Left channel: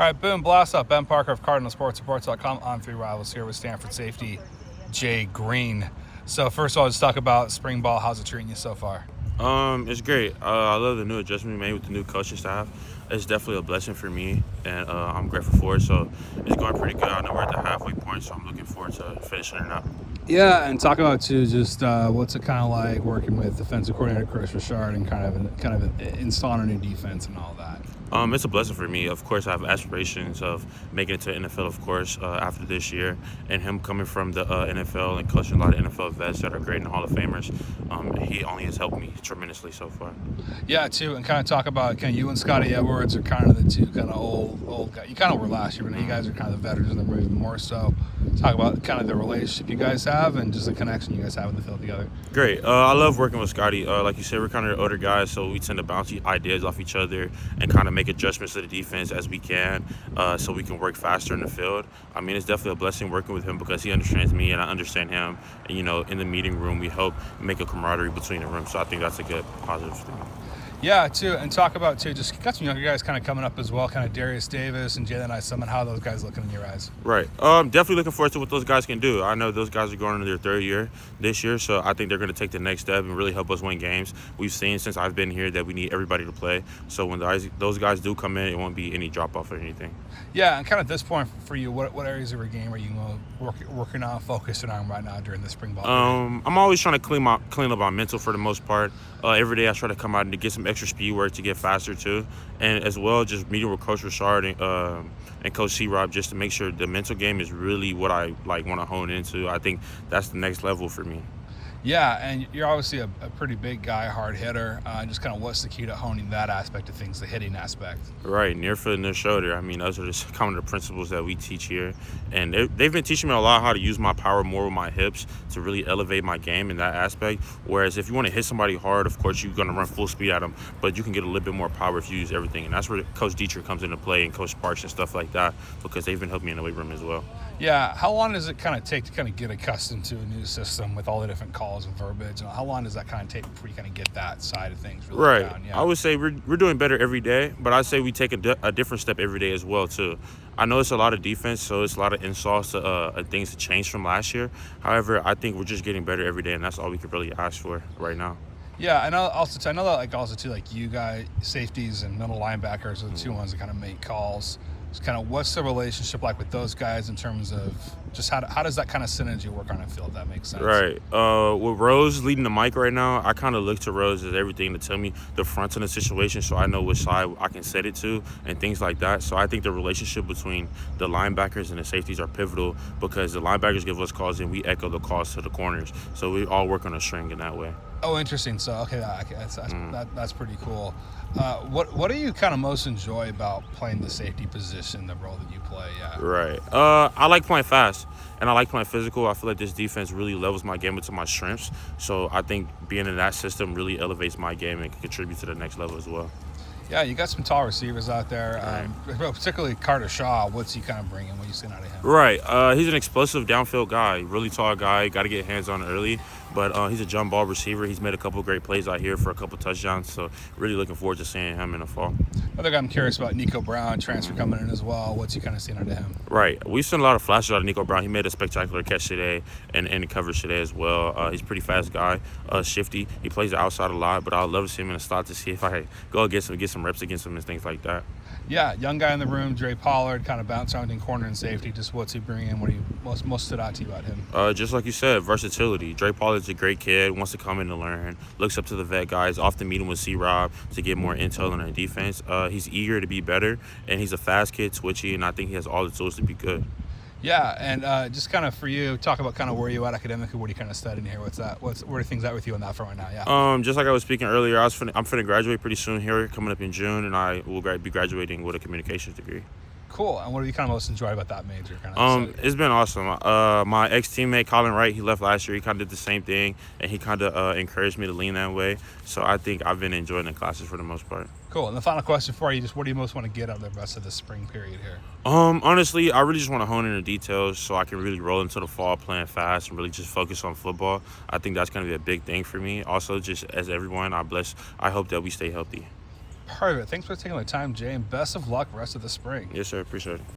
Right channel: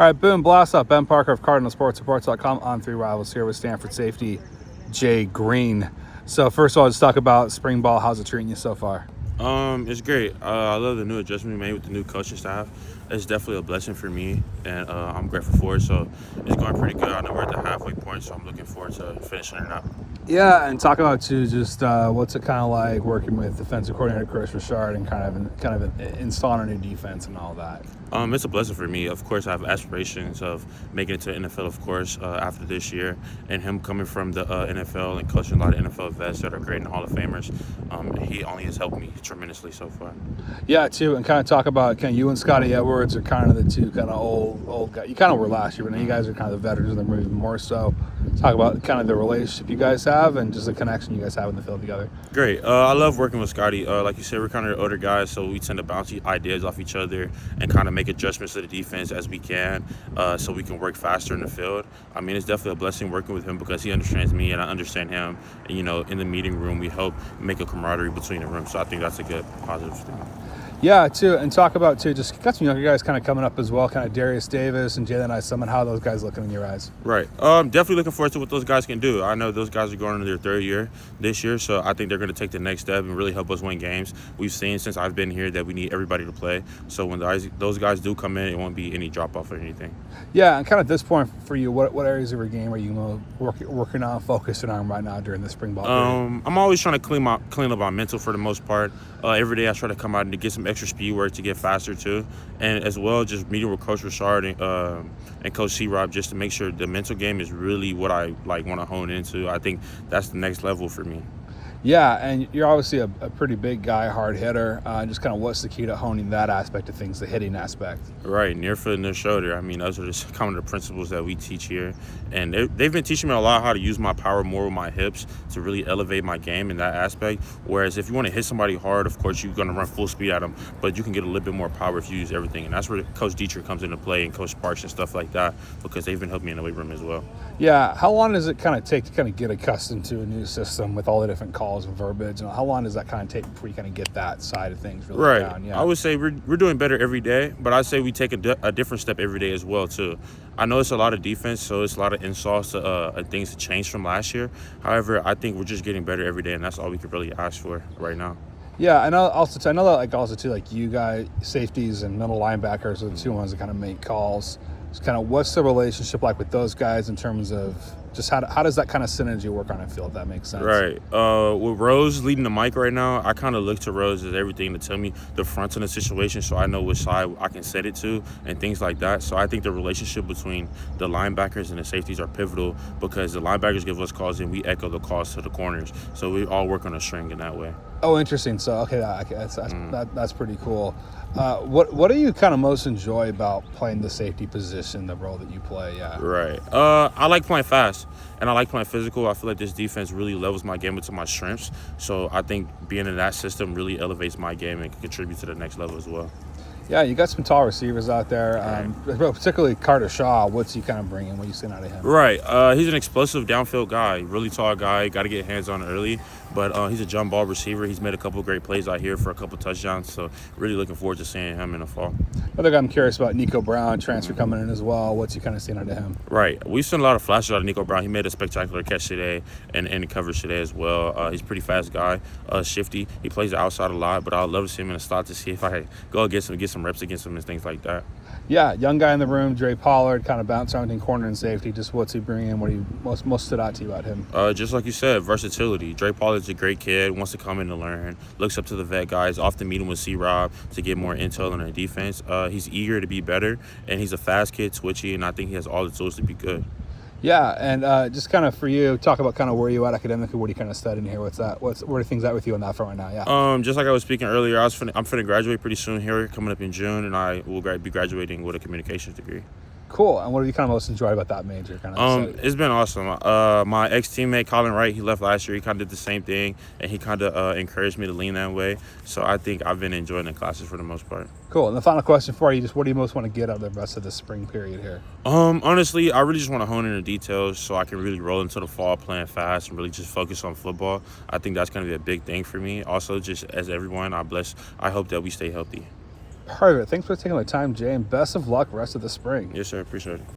All right, boom, blast up. Ben Parker of CardinalSportsReports.com on Three Rivals here with Stanford safety Jay Green. So first of all, let's talk about spring ball. How's it treating you so far? It's great. I love the new adjustment we made with the new coaching staff. It's definitely a blessing for me, and I'm grateful for it. So it's going pretty good. I know we're at the halfway point, so I'm looking forward to finishing it out. Yeah, and talk about too, just what's it kind of like working with defensive coordinator Chris Richard and kind of installing a new defense and all that. It's a blessing for me. Of course, I have aspirations of making it to the NFL, of course, after this year. And him coming from the NFL and coaching a lot of NFL vets that are great and Hall of Famers, he only has helped me tremendously so far. Yeah, too, and kind of talk about kind of you and Scotty Edwards are kind of the two kind of old guys. You kind of were last year, but now you guys are kind of the veterans, and even more so. Talk about kind of the relationship you guys have and just the connection you guys have in the field together. Great. I love working with Scotty. Like you said, we're kind of older guys, so we tend to bounce ideas off each other and kind of make adjustments to the defense as we can, so we can work faster in the field. I mean, it's definitely a blessing working with him because he understands me and I understand him. And, in the meeting room, we help make a camaraderie between the rooms. So I think that's a good positive thing. Yeah, too, and talk about too. Just got some younger guys kind of coming up as well, kind of Darius Davis and Jalen Isom, and how those guys looking in your eyes. Right. Definitely looking forward to what those guys can do. I know those guys are going into their third year this year, so I think they're going to take the next step and really help us win games. We've seen since I've been here that we need everybody to play. So when those guys do come in, it won't be any drop off or anything. Yeah, and kind of at this point for you, what areas of your game are you working on, focusing on right now during the spring ball? I'm always trying to clean up my mental for the most part. Every day I try to come out and to get some extra speed work to get faster too, and as well just meeting with Coach Richard and Coach C-Rob just to make sure the mental game is really what I want to hone into. I think that's the next level for me. Yeah, and you're obviously a pretty big guy, hard hitter. Just kind of what's the key to honing that aspect of things, the hitting aspect? Right, near foot, near shoulder. I mean, those are just kind of the principles that we teach here. And they've been teaching me a lot how to use my power more with my hips to really elevate my game in that aspect. Whereas if you want to hit somebody hard, of course, you're going to run full speed at them. But you can get a little bit more power if you use everything. And that's where Coach Dietrich comes into play and Coach Sparks and stuff like that because they've been helping me in the weight room as well. Yeah, how long does it kind of take to kind of get accustomed to a new system with all the different calls and verbiage? And how long does that kind of take before you kind of get that side of things really right down? Yeah. I would say we're doing better every day, but I'd say we take a different step every day as well too. I know it's a lot of defense, so it's a lot of installs to things to change from last year. However, I think we're just getting better every day, and that's all we could really ask for right now. Yeah, I know that you guys, safeties and middle linebackers are the two ones that kind of make calls. It's kind of what's the relationship like with those guys in terms of just how does that kind of synergy work on a field, if that makes sense? Right. With Rose leading the mic right now, I kind of look to Rose as everything to tell me the fronts in the situation so I know which side I can set it to and things like that. So I think the relationship between the linebackers and the safeties are pivotal because the linebackers give us calls and we echo the calls to the corners. So we all work on a string in that way. Oh, interesting. So, that's pretty cool. What do you kind of most enjoy about playing the safety position, the role that you play? Yeah. Right. I like playing fast, and I like playing physical. I feel like this defense really levels my game into my strengths. So I think being in that system really elevates my game and can contribute to the next level as well. Yeah, you got some tall receivers out there, particularly Carter Shaw. What's he kind of bringing? What are you seeing out of him? Right. He's an explosive downfield guy, really tall guy. Got to get hands on early, but he's a jump ball receiver. He's made a couple of great plays out here for a couple of touchdowns, so really looking forward to seeing him in the fall. Another guy I'm curious about, Nico Brown, transfer coming in as well. What's he kind of seeing out of him? Right. We've seen a lot of flashes out of Nico Brown. He made a spectacular catch today and in the coverage today as well. He's a pretty fast guy, shifty. He plays the outside a lot, but I'd love to see him in the slot to see if I go against him, get some reps against him and things like that. Yeah, young guy in the room, Dre Pollard, kind of bounce around in corner and safety. Just what's he bringing? What do you most stood out to you about him? Just like you said, versatility. Dre Pollard's a great kid, wants to come in to learn, looks up to the vet guys, often meeting with C-Rob to get more intel on their defense. He's eager to be better, and he's a fast kid, twitchy, and I think he has all the tools to be good. Yeah, and just kind of for you, talk about kind of where you at academically. What are you kind of studying here? Where are things at with you on that front right now? Yeah. Just like I was speaking earlier, I'm finna graduate pretty soon here, coming up in June, and I will be graduating with a communications degree. Cool. And what have you kind of most enjoyed about that major? It's been awesome. My ex-teammate Colin Wright, he left last year. He kind of did the same thing, and he kind of encouraged me to lean that way. So I think I've been enjoying the classes for the most part. Cool. And the final question for you, just what do you most want to get out of the rest of the spring period here? Honestly, I really just want to hone in the details so I can really roll into the fall playing fast and really just focus on football. I think that's going to be a big thing for me. Also, just as everyone, I hope that we stay healthy. Perfect. Thanks for taking the time, Jay, and best of luck rest of the spring. Yes, sir. Appreciate it.